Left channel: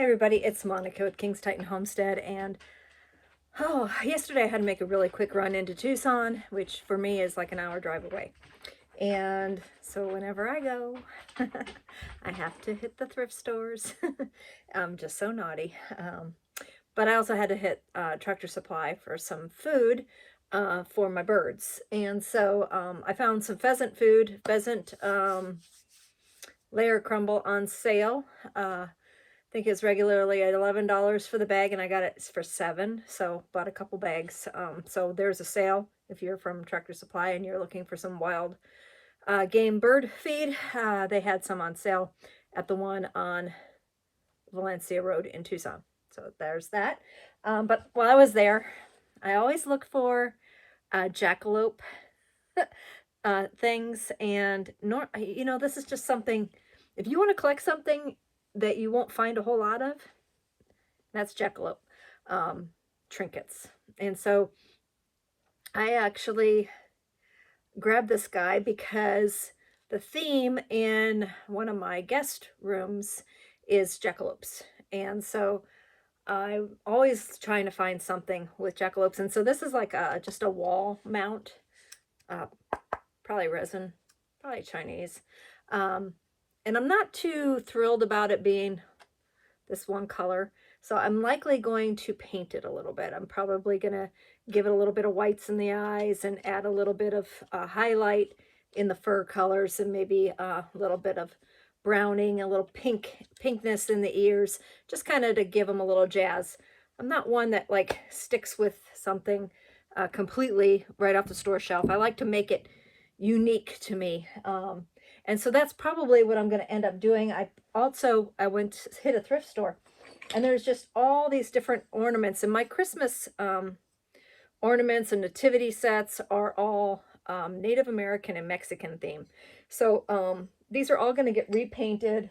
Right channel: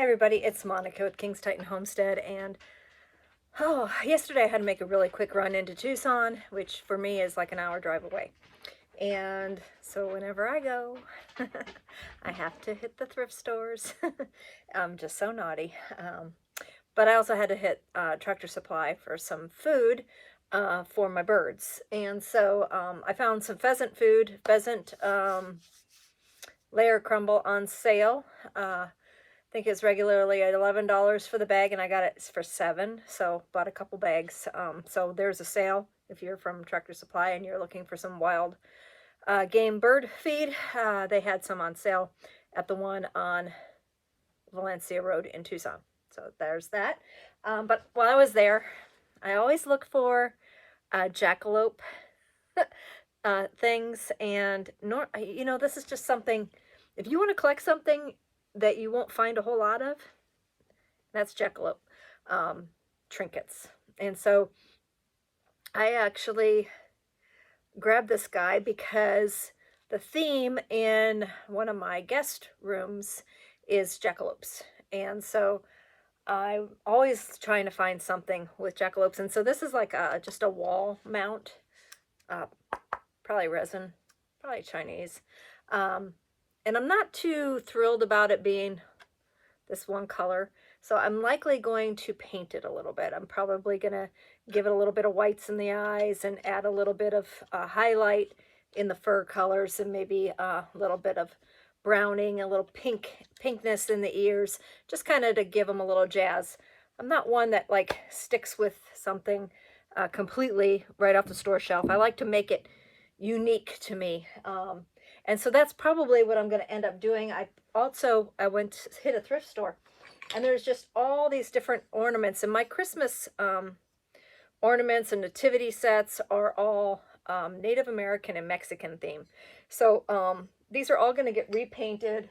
Hey everybody, it's Monica with King's Titan Homestead, and yesterday I had to make a really quick run into Tucson, which for me is like an hour drive away. And so whenever I go, I have to hit the thrift stores. I'm just so naughty. But I also had to hit Tractor Supply for some food for my birds. And so I found some pheasant food, pheasant layer crumble on sale. I think it's regularly at $11 for the bag, and I got it for $7, so bought a couple bags. So there's a sale if you're from Tractor Supply and you're looking for some wild game bird feed. They had some on sale at the one on Valencia Road in Tucson. So there's that. But while I was there, I always look for jackalope things, and this is just something, if you want to collect something that you won't find a whole lot of, that's jackalope trinkets. And so I actually grabbed this guy because the theme in one of my guest rooms is jackalopes. And so I'm always trying to find something with jackalopes. And so this is like just a wall mount, probably resin, probably Chinese. And I'm not too thrilled about it being this one color. So I'm likely going to paint it a little bit. I'm probably going to give it a little bit of whites in the eyes and add a little bit of highlight in the fur colors, and maybe a little bit of browning, a little pinkness in the ears, just kind of to give them a little jazz. I'm not one that like sticks with something completely right off the store shelf. I like to make it unique to me. And so that's probably what I'm going to end up doing. I went to hit a thrift store, and there's just all these different ornaments. And my Christmas ornaments and nativity sets are all Native American and Mexican theme. So these are all going to get repainted.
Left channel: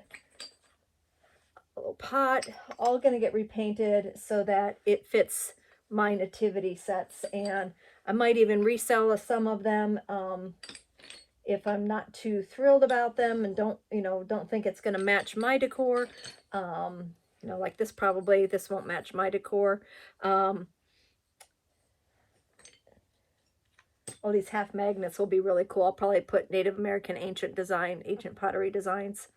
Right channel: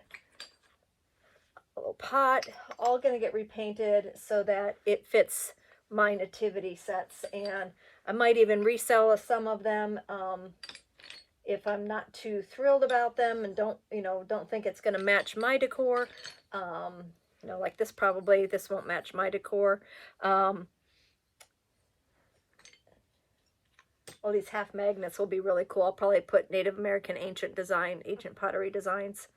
A little pot, all going to get repainted so that it fits my nativity sets. And I might even resell some of them. If I'm not too thrilled about them and don't think it's going to match my decor, like this won't match my decor. Oh, these half magnets will be really cool. I'll probably put Native American ancient pottery designs.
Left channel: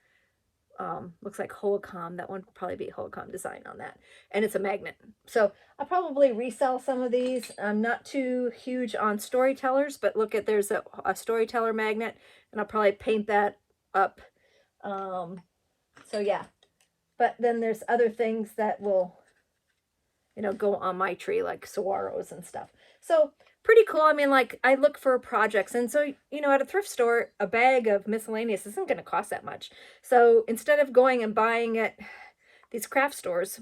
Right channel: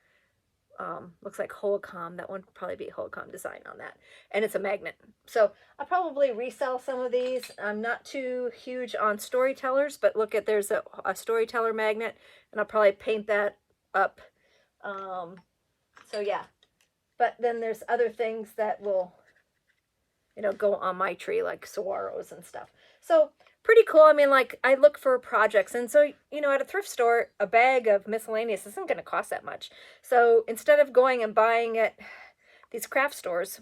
Looks like Holcomb. That one would probably be Holcomb design on that. And it's a magnet. So I'll probably resell some of these. I'm not too huge on storytellers, but look at, there's a storyteller magnet, and I'll probably paint that up. So yeah. But then there's other things that will, go on my tree, like saguaros and stuff. So pretty cool. I mean, like, I look for projects, and so, at a thrift store, a bag of miscellaneous isn't going to cost that much. So instead of going and buying at these craft stores,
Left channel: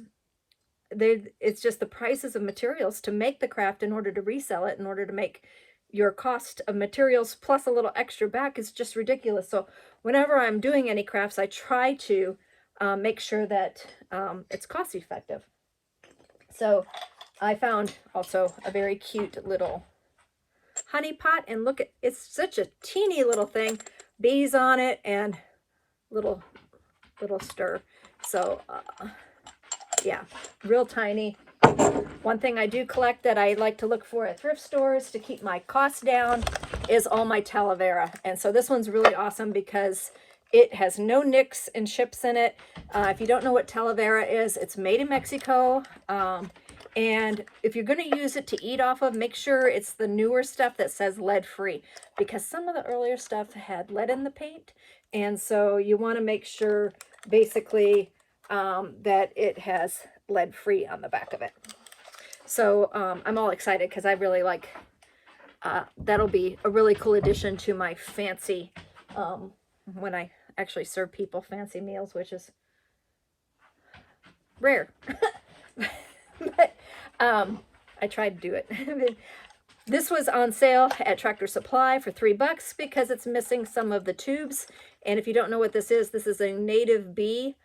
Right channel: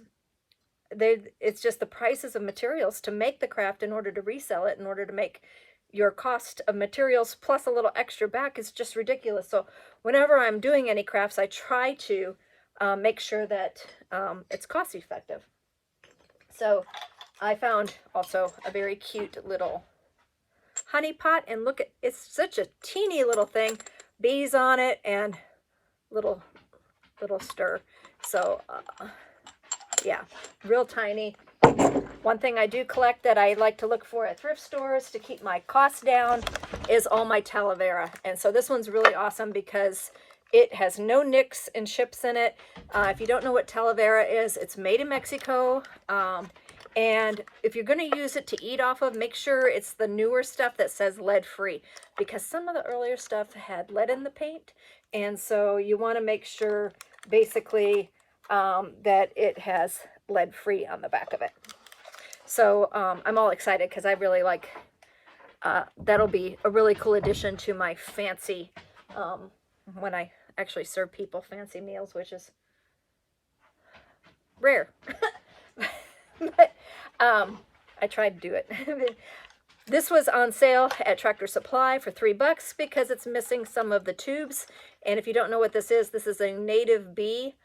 it's just the prices of materials to make the craft in order to resell it, in order to make your cost of materials plus a little extra back, is just ridiculous. So whenever I'm doing any crafts, I try to make sure that it's cost effective. So I found also a very cute little honey pot, and look at, it's such a teeny little thing, bees on it, and little stir. So yeah, real tiny. One thing I do collect that I like to look for at thrift stores to keep my costs down is all my aloe vera. And so this one's really awesome because it has no nicks and chips in it. If you don't know what aloe vera is, it's made in Mexico. And if you're going to use it to eat off of, make sure it's the newer stuff that says lead free, because some of the earlier stuff had lead in the paint. And so you want to make sure basically that it has lead free on the back of it. So I'm all excited because I really like, that'll be a really cool addition to my fancy, when I actually serve people fancy meals, which is rare. But I tried to do it. This was on sale at Tractor Supply for $3 because it's missing some of the tubes. And if you don't know what this is a native bee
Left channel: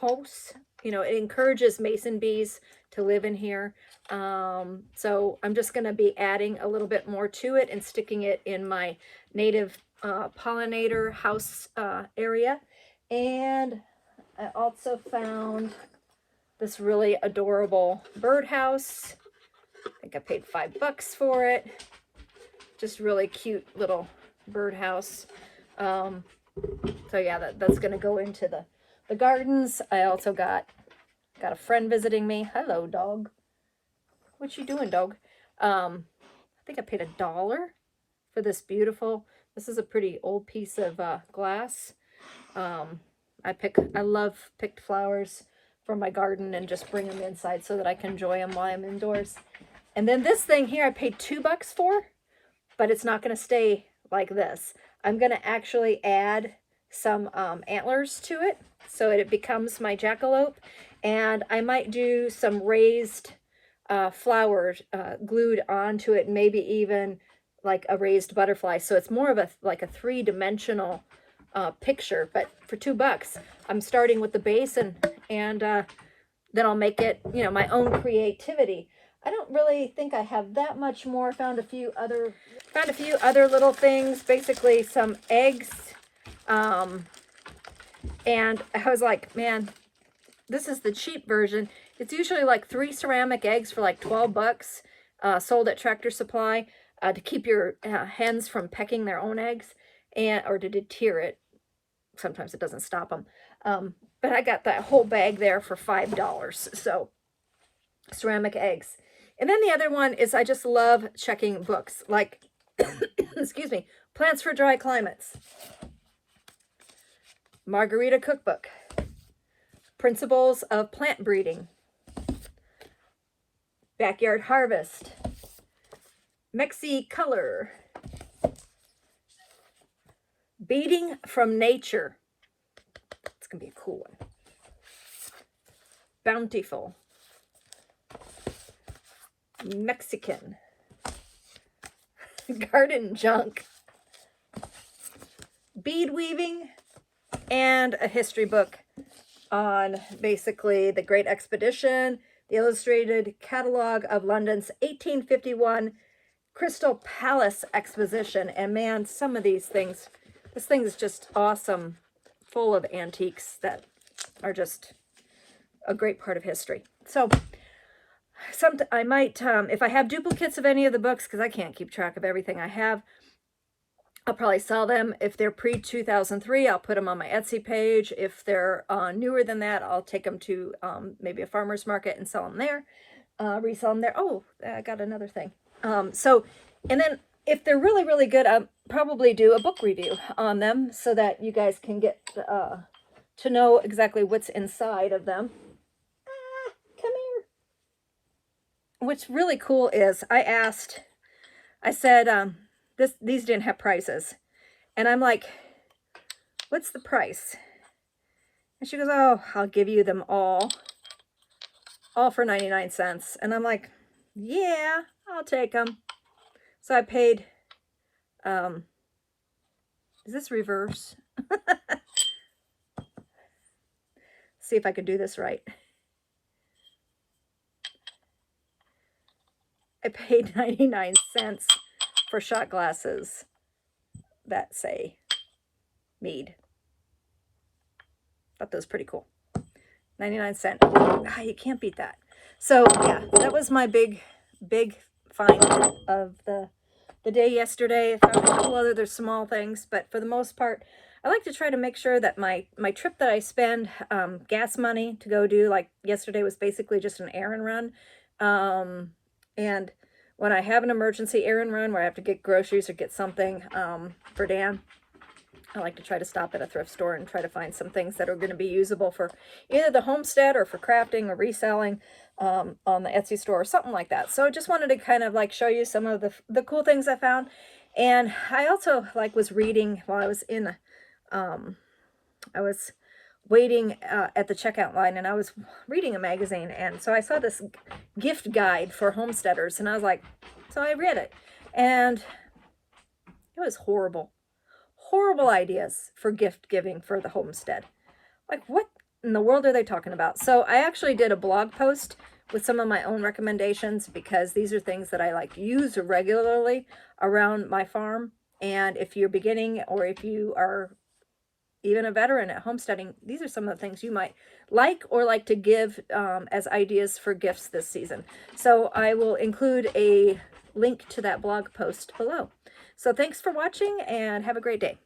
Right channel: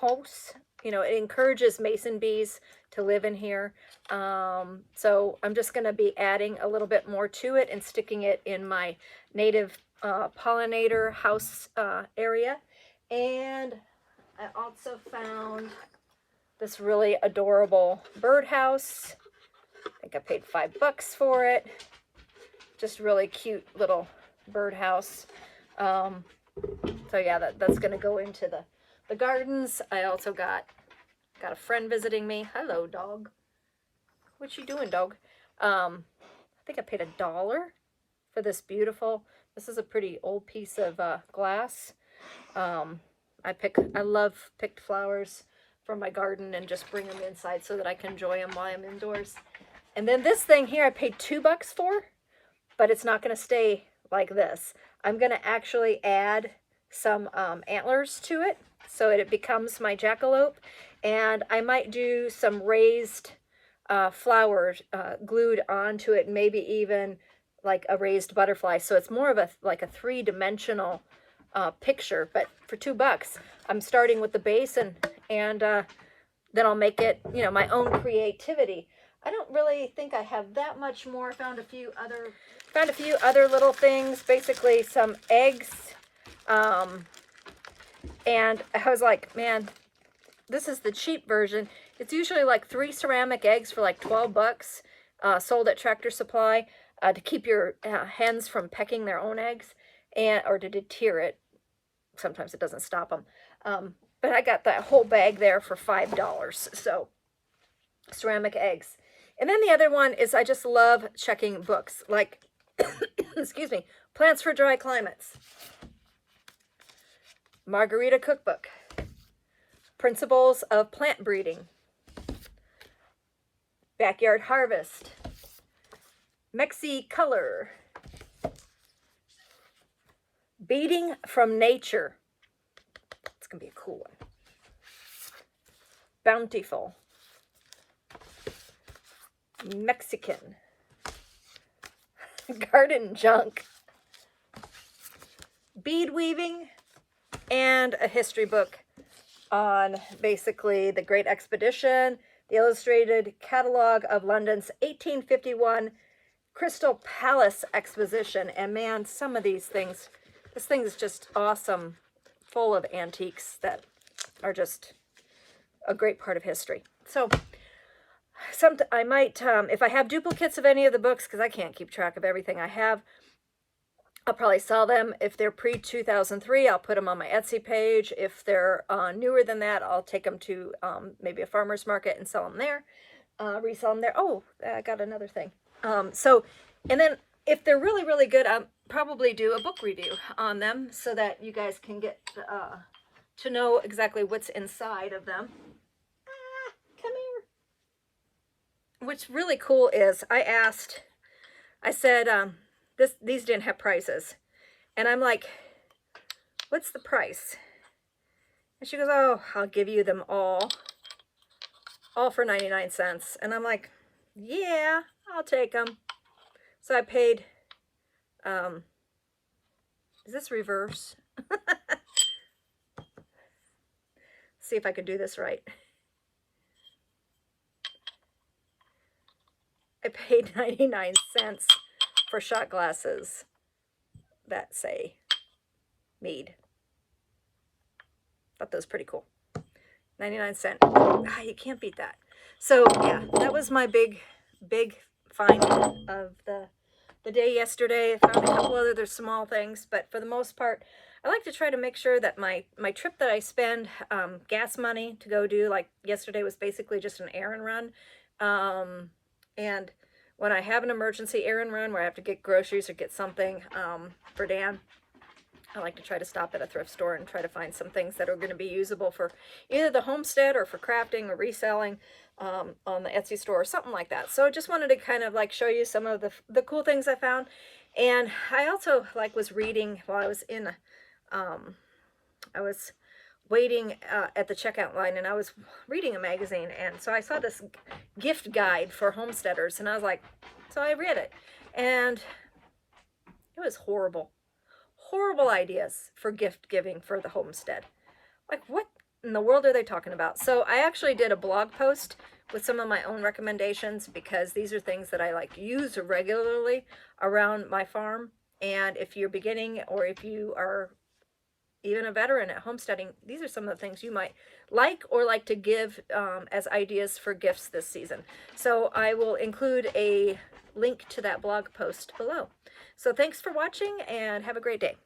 house. It encourages mason bees to live in here. So I'm just going to be adding a little bit more to it and sticking it in my native pollinator house area. And I also found this really adorable birdhouse. I think I paid $5 for it. Just really cute little birdhouse. So yeah, that's going to go into the gardens. I also got a friend visiting me. Hello, dog. What you doing, dog? I think I paid $1 for this beautiful. This is a pretty old piece of glass. I love picked flowers from my garden and just bring them inside so that I can enjoy them while I'm indoors. And then this thing here I paid $2 for, but it's not going to stay like this. I'm going to actually add some antlers to it so it becomes my jackalope. And I might do some raised flowers glued onto it, maybe even like a raised butterfly. So it's more of a three-dimensional picture. But for $2, I'm starting with the base, and then I'll make it, you know, my own creativity. I don't really think I have that much more. Found a few other little things, basically some eggs. And I was like, man, this is the cheap version. It's usually like 3 ceramic eggs for like $12, sold at Tractor Supply, to keep your hens from pecking their own eggs, or to deter it. Sometimes it doesn't stop them. But I got that whole bag there for $5. So ceramic eggs. And then the other one is, I just love checking books, like, excuse me, Plants for Dry Climates, Margarita Cookbook, Principles of Plant Breeding, Backyard Harvest, Mexi Color, Beading from Nature. It's going to be a cool one. Bountiful, Mexican, Garden Junk, Bead Weaving, and a history book on basically the Great Expedition, the illustrated catalog of London's 1851 Crystal Palace Exposition. And man, some of these things, this thing is just awesome, full of antiques that are just a great part of history. So I might, if I have duplicates of any of the books, because I can't keep track of everything I have, I'll probably sell them. If they're pre-2003, I'll put them on my Etsy page. If they're newer than that, I'll take them to maybe a farmer's market and sell them there, resell them there. Oh, I got another thing. And then if they're really, really good, I'll probably do a book review on them so that you guys can get to know exactly what's inside of them. Come here. What's really cool is I said, these didn't have prices. And I'm like, what's the price? And she goes, oh, I'll give you them all for 99 cents. And I'm like, yeah, I'll take them. So I paid, is this reverse? See if I can do this right. I paid 99 cents for shot glasses that say mead. Thought that was pretty cool. 99 cents. Ah, you can't beat that. So yeah, that was my big find of the day yesterday. I found a couple other small things, but for the most part, I like to try to make sure that my trip that I spend gas money to go do, like yesterday was basically just an errand run. And when I have an emergency errand run where I have to get groceries or get something for Dan, I like to try to stop at a thrift store and try to find some things that are going to be usable for either the homestead or for crafting or reselling on the Etsy store or something like that. So just wanted to kind of like show you some of the cool things I found. And I also was reading while I was in, I was waiting at the checkout line, and I was reading a magazine, and so I saw this gift guide for homesteaders, and I was like, so I read it, and it was horrible ideas for gift giving for the homestead. Like, what in the world are they talking about? So I actually did a blog post with some of my own recommendations, because these are things that I use regularly around my farm. And if you're beginning, or if you are even a veteran at homesteading, these are some of the things you might like or like to give as ideas for gifts this season. So I will include a link to that blog post below. So thanks for watching and have a great day.